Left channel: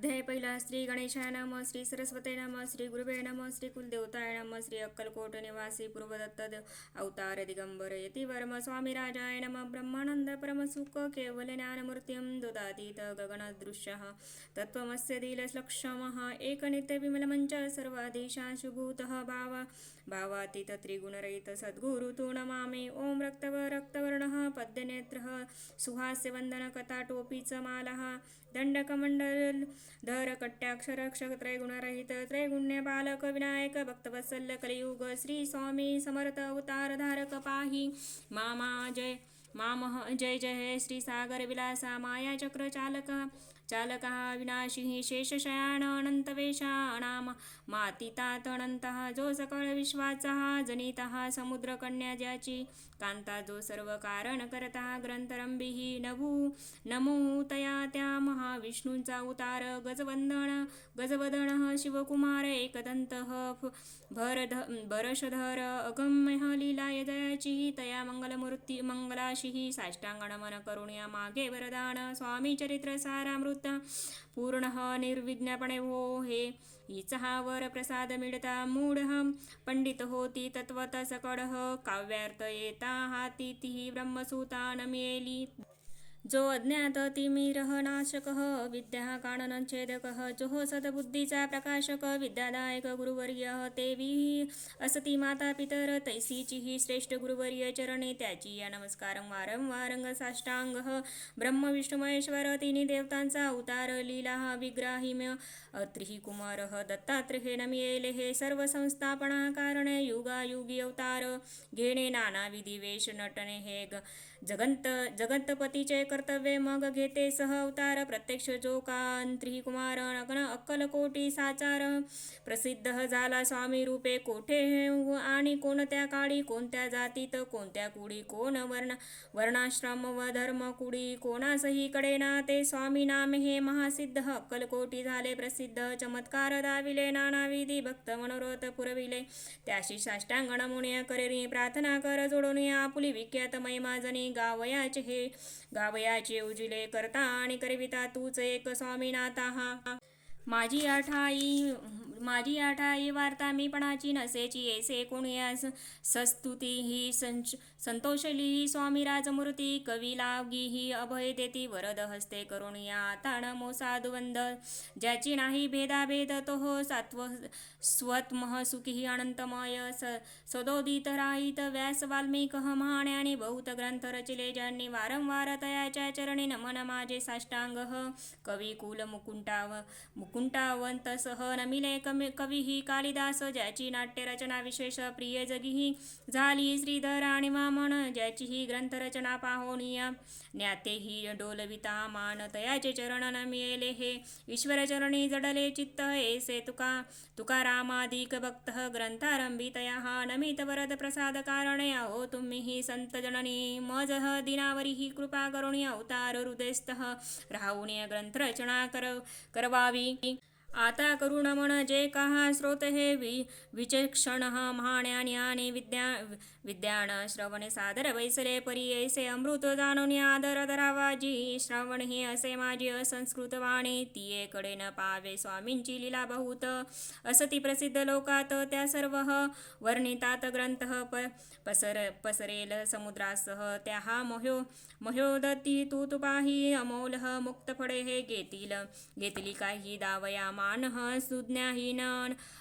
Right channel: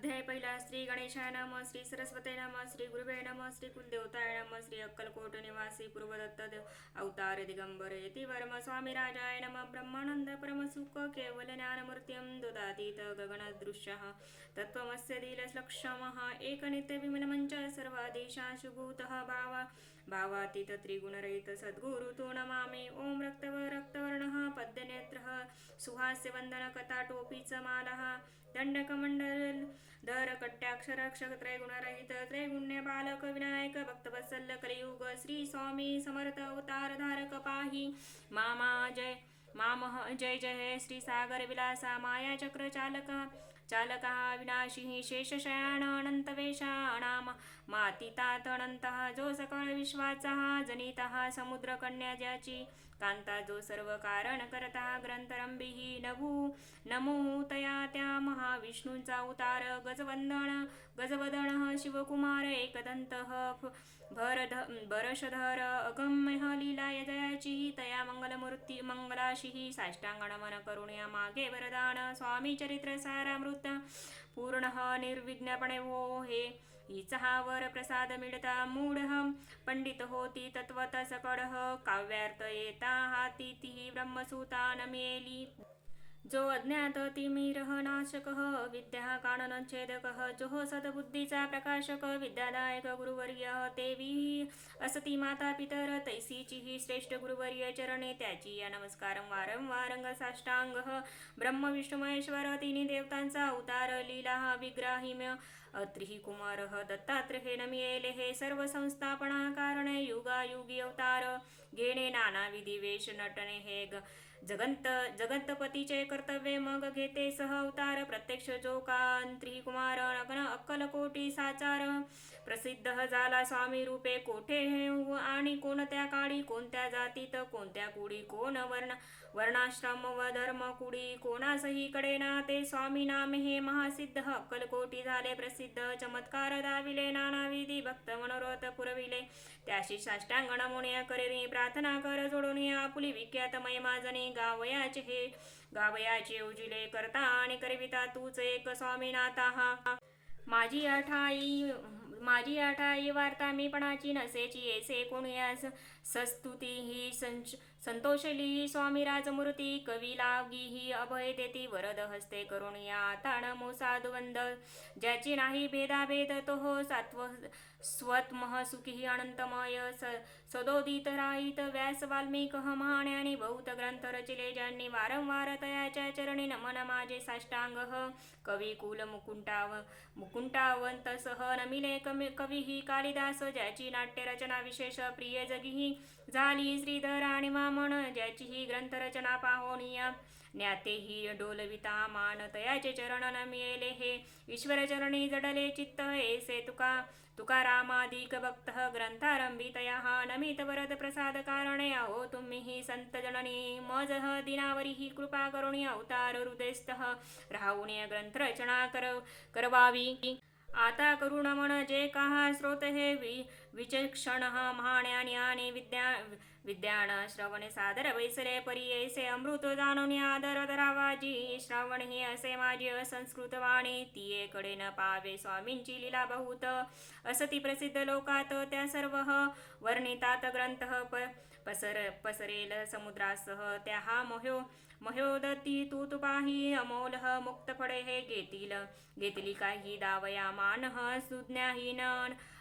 अध्याय पहिला. श्री गणेशाय नमः. श्री सरस्वती नमः. श्री गुरुवे नमः. श्री कुलदेवताय नमः. श्री अक्कलकोट निवासी पूर्वदत्त अवतार दिगंबर यतिवर्म स्वामी राजाय नमः. ब्रह्मानंद परमसुख केवल ज्ञानमूर्तिं ददातीत गगनदृश्यः तत्त्वमस्य दिलक्षमः एकनित्य विमलमञ्च सर्वादिशाशुभूतः भावातीत त्रिगुणरहित सद्गुरु तु नमामि. ओम रक्तवर्णः पद्यनेत्रः सुहास्यवन्दन कथाटोपीच मालः दंडकमंडलधर कट्याक्षर त्रैगुणरहित त्रैगुण्य बालक विनायक भक्तवत्सल कलियुग श्री स्वामी समर्थ अवतार धारक पाही मामा जय मामः जय जय श्री सागर विलासा माया चक्र चालकः विनाशी शेषशयान अनंतवेशानाम मातीतात अनंतः जो सकळ विश्वाचा जनितः समुद्रकन्या ज्याची कांता जो सर्व कारण करता ग्रंथरंभिः नमो तया त्या महाविष्णूंचा अवतार गजवदन शिवकुमार एकदंतः भरशधर अगम्य लीलाय जयाची तया मंगलाशी साष्टांग नमन करुण्या मागे वरदान स्वामी चरित्र सारामृत पूर्ण निर्विघ्नपणे हो हे हिचा वर प्रसाद मिळता मूढ पंडित होती तत्वत सकड काव्यार्थ येता हाती ती ब्रह्मसूता नमेली जो अज्ञात तिमिरः नाशकः विद्या काननच्छेदकः जो सद्बुद्धीचा प्रकाशक विद्यादायक गुरुवर्य तेवी असती माता पितर तैसीची श्रेष्ठ गुरुवर्य चरणे त्याची या नमस्कार वारंवारंग साष्टांग ब्रह्म विष्णू महेश्वर तिन्ही देवतांचा अवतार लीला विग्राहिम्य त्रिकुमार दत्तात्रेय नमियेले हे सर्व संस्थापना कारणे युगायुगी अवतार घेणे नाना विधी वेश नटणे हे जगतपतीचे कर्तव्य मग घेते सह अवतार प्रत्यक्ष जो त्रिकुमार नग्न अक्कलकोटी साचार प्रसिद्ध झाला स्वामी रूपे कोठे आणि कोणत्या काळी कोणत्या जातीत कोणत्या कुडी कोण वर्णाश्रम व धर्म कुडी कोणासही कडे ना ते स्वामी नाम हे महासिद्ध अक्कलकोटी झाले प्रसिद्ध चमत्कार दाविले नाना विधी भक्त मनोरथ पुरविले त्याशी साष्टांग नमूने करेरी प्रार्थना कर जोडून आपुली विख्यात महिमाजनी गावयाचे उजिले करता आणि करविता तूच एक स्वामीनाथा हा माझी आठाई वार्ता मी पणाची नसेची येसे कोणयास सस्तुती ही संतोषली स्वामी राजमूर्ती कवी लावगी ही अभय देती वरद हस्ते करून या ताण मोसाधुवंद ज्याची नाही भेदाभेद तो हो स्वतमह सुखी अनंतमय सदोदित राहित व्यास वाल्मिक महाण्याने बहुत ग्रंथ रचिले ज्यांनी वारंवार तयाच्या चरणी नमन माझे साष्टांग कवी कुल मुकुंटावंत सह नमिले कवी ही कालिदास ज्याची नाट्य रचना विशेष प्रिय जगी झाली श्रीधर आणि वामन ज्याची ही ग्रंथरचना पाहोनिया ज्ञातेही डोलविता मान तयाचे चरण नमिले हे ईश्वर चरणी जडले चित्त ऐसे तुकारामाधिक भक्त ग्रंथारंभी तया हा नमित वरद प्रसाद कारणे आहो तुम्ही ही संत जननी मजह दिनावरी ही कृपा करुणी अवतार हृदयस्थ राहून ग्रंथरचना करवावी आता करुण मन जे कहा स्रोत हे विचक्षण महाण्यानी आणि विद्यान श्रवण सादर वैसले परी ऐसे अमृत जाणून आदर धरावा जी श्रवण ही असे माझी असंस्कृत वाणी ती कडे न पावे स्वामींची लीला बहुत असती प्रसिद्ध लोकात त्या सर्व वर्णितात ग्रंथ पसरेल समुद्रासह त्या हा मह्योदती तू पाही अमोल मुक्त फळे हे घेतली काही दावया मान सुज्ञाहीन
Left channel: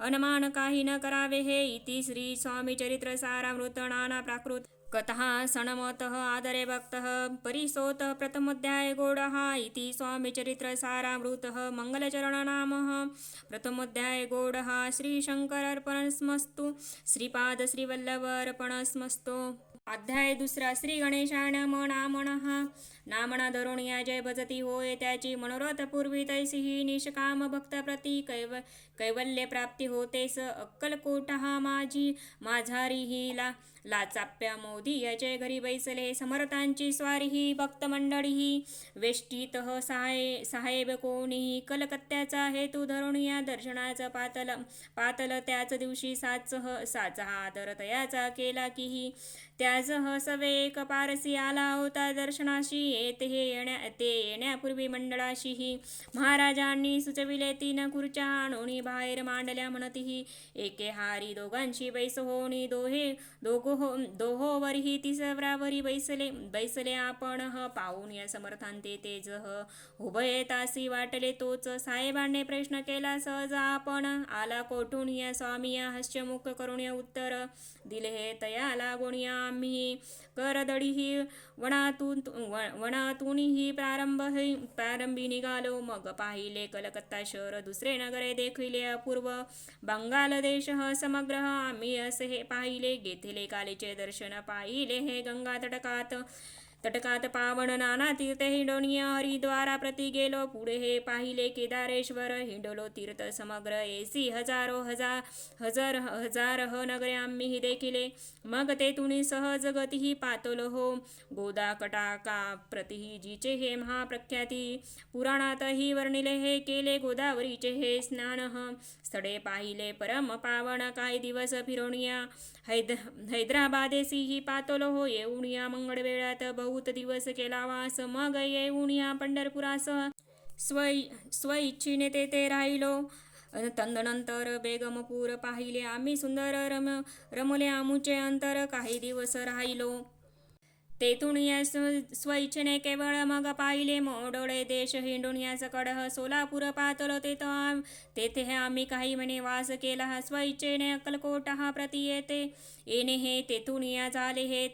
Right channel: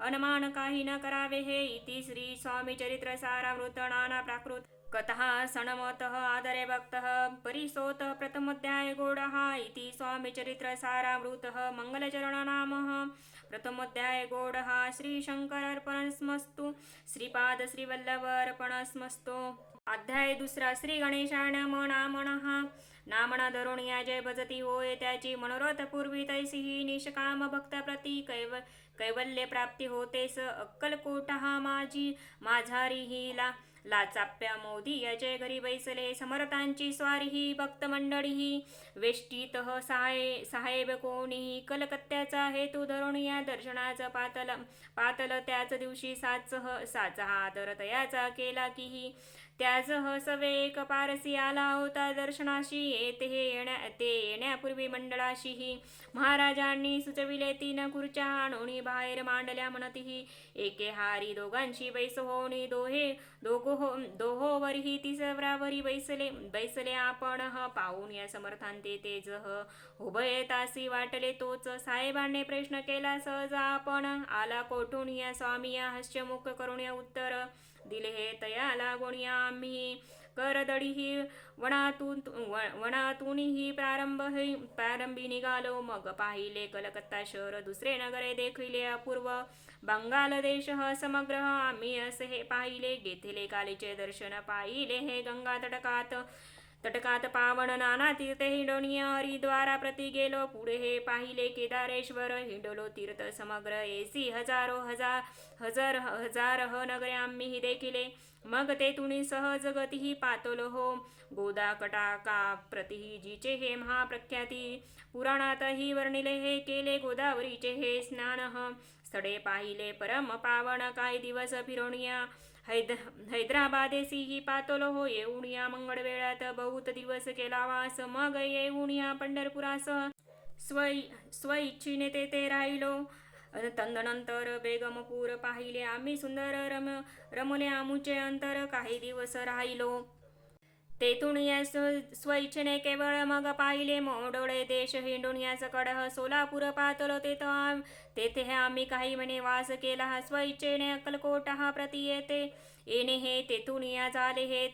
अनमान काही न करावे हे इति श्री स्वामी चरित्र सारामृत नाना प्राकृत कथा सणमत आदरे भक्त परिसोत प्रथमोध्याय गोड इति स्वामी चरित्र सारामृत मंगलचरण नाम प्रथमोध्याय गोड श्री शंकर अर्पणस्मस्तु श्रीपाद श्रीवल्लभ अर्पणस्मस्तु अध्याय दुसरा. श्री गणेशाय नमः. नामना धरून या जय भजती होय त्याची मनोरथ पूर्वी तैसी निष्काम भक्त प्रती कैवल्य प्राप्ती होतेस अक्कलकोट माझारी ही लाचाप्या मोदी याचे घरी बैसले समर्थांची स्वारी ही भक्त मंडळी ही वेष्टीत साहेब कोणीही कलकत्त्याचा हेतू धरून या दर्शनाचा पातल त्याच दिवशी साचा आदर तयाचा केला की त्यासह सवे एक पारसी आला होता दर्शनाशी. ते येण्यापूर्वी मंडळाशीही महाराजांनी सुचविले. 3 खुर्च्या आणून बाहेर मांडल्या म्हणतीही. एके हारी दोघांशी बैस होणी. दोहोवरही तिसऱ्यावरी बैसले आपण पाहून या समर्थांते तेजह उभय तासी वाटले तोच. साहेबांनी प्रश्न केला सहज आपण आला कोठून या स्वामी. या हास्यमुख करून उत्तर दिले हे तया लागून या आम्ही करदडीही वनातूनही प्रारंभी निघालो. मग पाहिले कलकत्ता शहर दुसरे नगरे देखिले अपूर्व. बंगाल देश समग्र आम्ही असे हे पाहिले. घेतले कालीचे दर्शन पाहिले हे गंगा तटकात पावन नाना तीर्थ हिंडोनिया. हरिद्वारा प्रति गेलो पुढे हे पाहिले केदारेश्वर. हिंडलो तीर्थ समग्र एसी हजार नगरे आम्ही देखिले. मग तेथून सहज गतीही पातलो हो. गोदा कटाका प्रतिही जिचे हे महाप्रख्याती. पुराणातही वर्णिले हे केले गोदावरीचे हे स्नान. स्थळे पाहिले परम पावन काही दिवस फिरोनिया. हैदराबादेसीही पातलो हो येऊन या मंगळवेळात. बहुत दिवस केला वास मग येऊन या पंढरपुरासह स्वइच्छिने तेथे राहिलो. तदनंतर बेगमपूर पाहिले आम्ही सुंदर रमले आमुचे अंतर. काही दिवस राहिलो तेथून या स्वइच्छेने केवळ. मग पाहिले मोडोळे देश हिंडून या सकड. सोलापूर पातलो तेथे आम्ही काही म्हणे वास केला. स्वइच्छेने अक्कलकोट प्रति येणे हे तेथून या झाले हे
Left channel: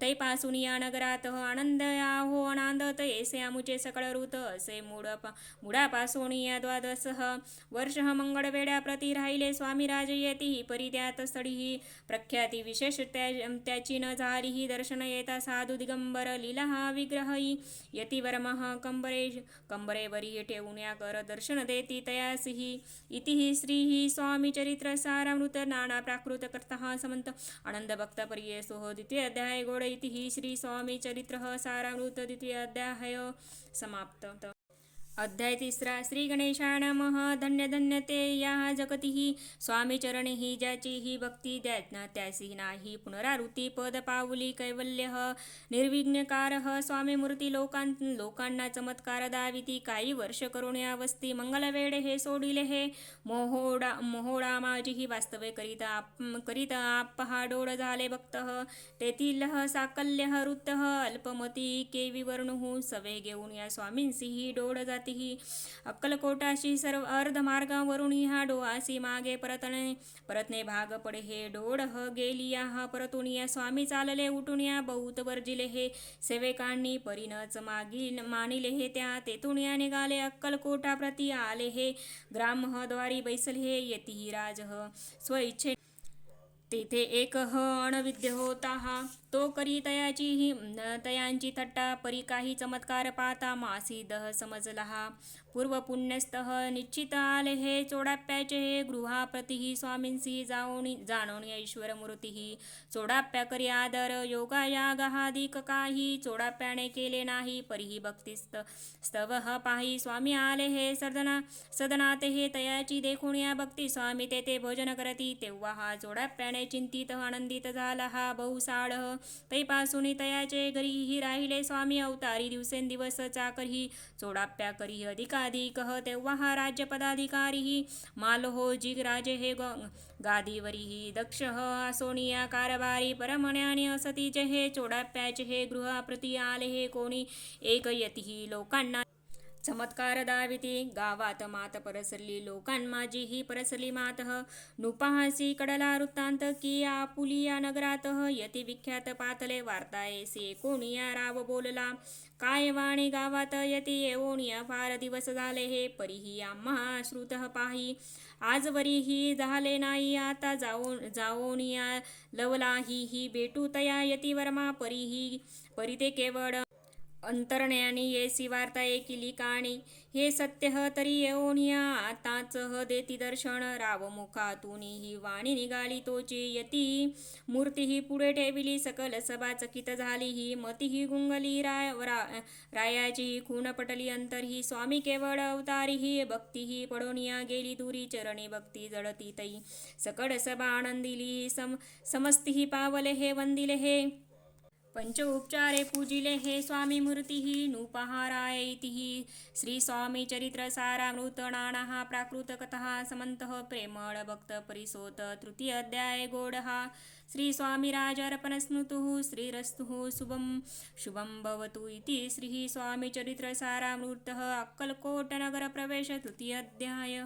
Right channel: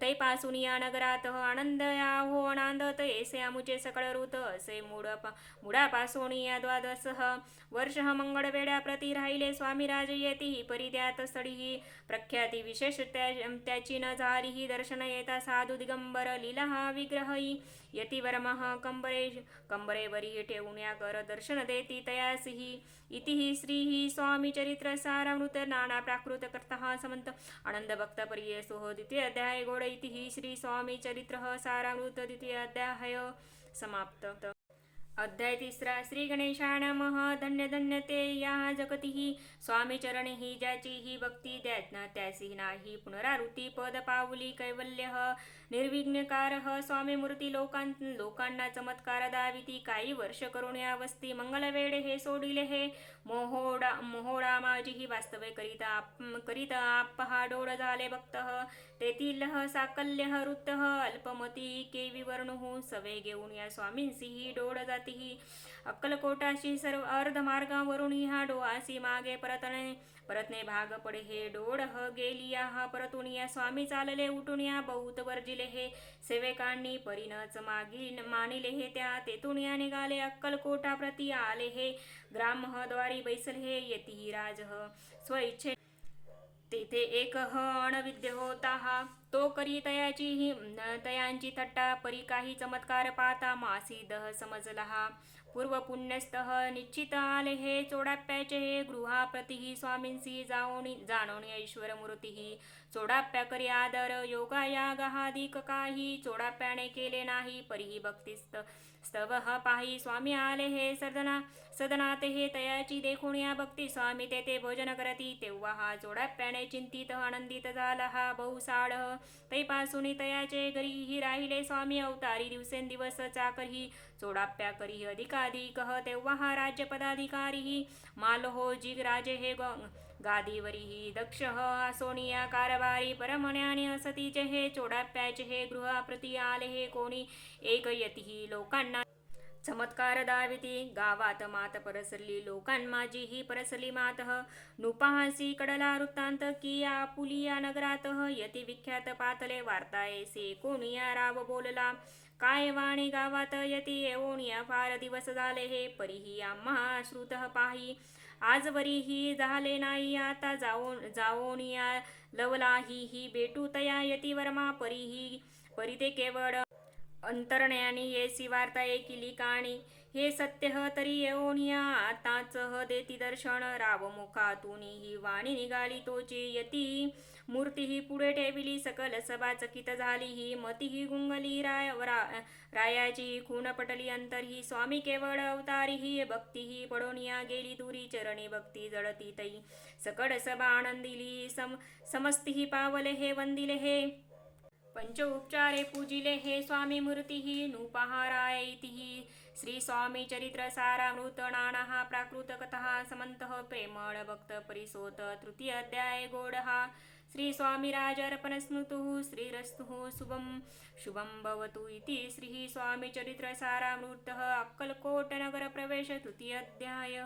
तैपासून या नगरात आनंद हो अनांदत ऐसे आमुचे सकळ ऋत. असे मुळापासून या 12 वर्ष मंगळवेढ्या प्रति राहिले स्वामीराज येती. परित्यात स्थळी प्रख्याती विशेष त्याची न झाली. दर्शन येता साधू दिगंबर लीला विग्रही यतिवर्मः कंबरेवरी ठेवून या कर दर्शन देती तयासही. इति श्री स्वामी चरित्र सारामृत नाना प्राकृत कर्ता समंत आनंद भक्त परियेसो द्वितीय अध्याय गोड. इति श्री स्वामी चरित्र सारामृत द्वितीय अध्याय समाप्त. अध्याय 3. श्री गणेशाय नमः. धन्य धन्य ते या जगतीही स्वामी चरणीही ज्याची ही भक्ती त्यासी नाही पुनरावृत्ती. पद पाऊली कैवल्य निर्विघ्नकारः स्वामी मूर्ती लोकांना चमत्कार दाविती. काही वर्ष करून या वस्ती मंगलवेढे हे सोडिले हे मोहोळा माझी वास्तवे करीत आपहा डोळ झाले भक्त. तेथील साकल्य वृत्त अल्पमती केवी वर्णुः सवे घेऊन या स्वामींसीही डोळ जातीही. अक्कलकोटाशी सर्व अर्धमार्गावरून हा डोळासी मागे परतणे भाग पडे. हे डोळ गेली या परतून या स्वामी चालले उठून या बहुत वर्जिले हे. सेवकांनी परीनच मानिले हे त्या. तेथून या निघाले अक्कलकोटा प्रति आले हे. ग्रामद्वारी बैसले हे येती राज स्वइच्छे. तेथे एक अणविद्य होता तो करी तयांची थट्टा. परी काही चमत्कार पाहता मासी समजला. पूर्व पुण्यस्थ निश्चित आले हे. चोडाप्याचे हे गृहाप्रतिही स्वामींसी जाणून ईश्वर मूर्तीही. चोडाप्या करी आदर योगायागादिक काही चोडाप्याने केले नाही. परीही भक्ती स्तव पाही स्वामी आले हे सदनात हे. तयाची देखून या भक्ती स्वामी तेथे भोजन करती. तेव्हा हा चोडाप्याने चिंतित आनंदित झाला हा बहुसाळ. तैपासून तयाचे घरीही राहिले स्वामी अवतारी. दिवसेंदिवस चाकरही चोडाप्या करी अधिकाधिक. तेव्हा हा राज्यपदाधिकारीही मालहोजी राजे हे गादीवरीही दक्ष सोनिया कारभारी. परमण्याने असतीचे हे. चोडाप्याचे हे गृहाप्रती आले हे कोणी एक यतीही लोकांना चमत्कार दाविती. गावात मात परसली लोकांमाजीही परसली मात. नुपाहासी कडला वृत्तांत की आपुलिया नगरात. यती विख्यात पातले वार्ता ऐसे कोणिया राव बोलला. काय वाणी गावात यती येऊन या फार दिवस झाले हे. परीही आम्हा श्रुत पाही आजवरीही झाले नाही. आता जाऊन या लवलाही भेटू तया यतिवर्मा. परी ते केवळ अंतरण्यानी येसी वार्ता ऐकिली काणी, हे सत्य ह तरी येऊनिया आताच ह देती दर्शन, राव मुखातून ही वाणी निघाली तोची यती, मूर्ती ही पुढे ठेविली सकल सभा चकित झाली ही, मती ही गुंगली रायाची ही खून पटली अंतर ही, स्वामी केवळ अवतारी ही, भक्ती ही पडोनिया गेली दुरी, चरणी भक्ती जळती तई, सकळ सभा आनंदिली समस्ती ही पावले हे वंदिले हे, पंच उपचारे पूजिले हे स्वामी मूर्ती ही, नृपहाराय इति श्री स्वामी चरित्र सारामृत नाना प्राकृत कथा समंतः प्रेमळ भक्त परिसोत तृतीय अध्याय गोडहा, श्री स्वामीराज अर्पण स्मृतुः श्रीरस्तुः शुभं भवतु इति श्री स्वामी चरित्र सारामृत अक्कलकोट नगर प्रवेश तृतीय अध्याय।